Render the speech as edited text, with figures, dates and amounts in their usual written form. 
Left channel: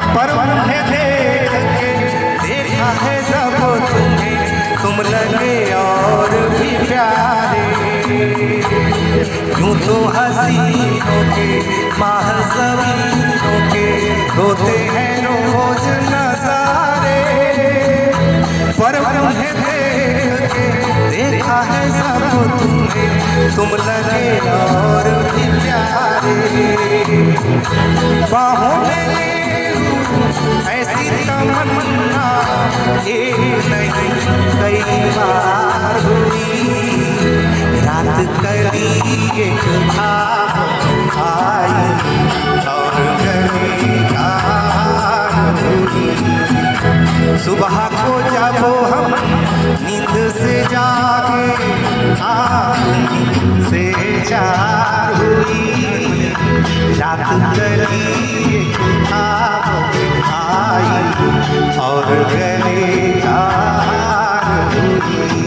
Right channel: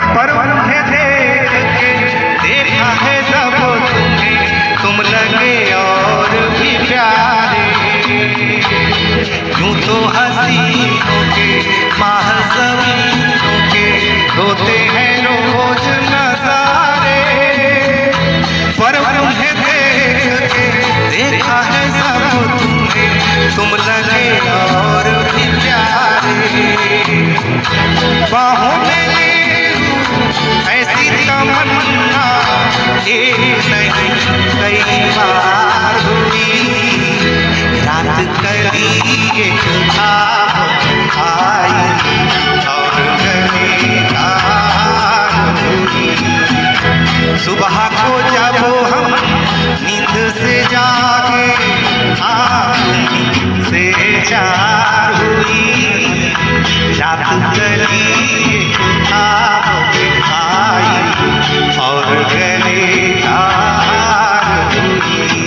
पर उन्हें देख के देखा है सब तुम्हें, तुम लगे और भी प्यारे। यूं तो हसीनों के महज़बीनों के होते हैं रोज नज़ारे, पर उन्हें देख के देखा है सब तुम्हें, तुम लगे और भी प्यारे। बाहों में ऐसी तमन्ना ये नहीं कई बार हुई, रात कली एक खाब आई और गली रात हुई। सुबह को जब हम नींद से जागे आँख से चार हुई, रात गली एक खाब आई और गले तार हुई।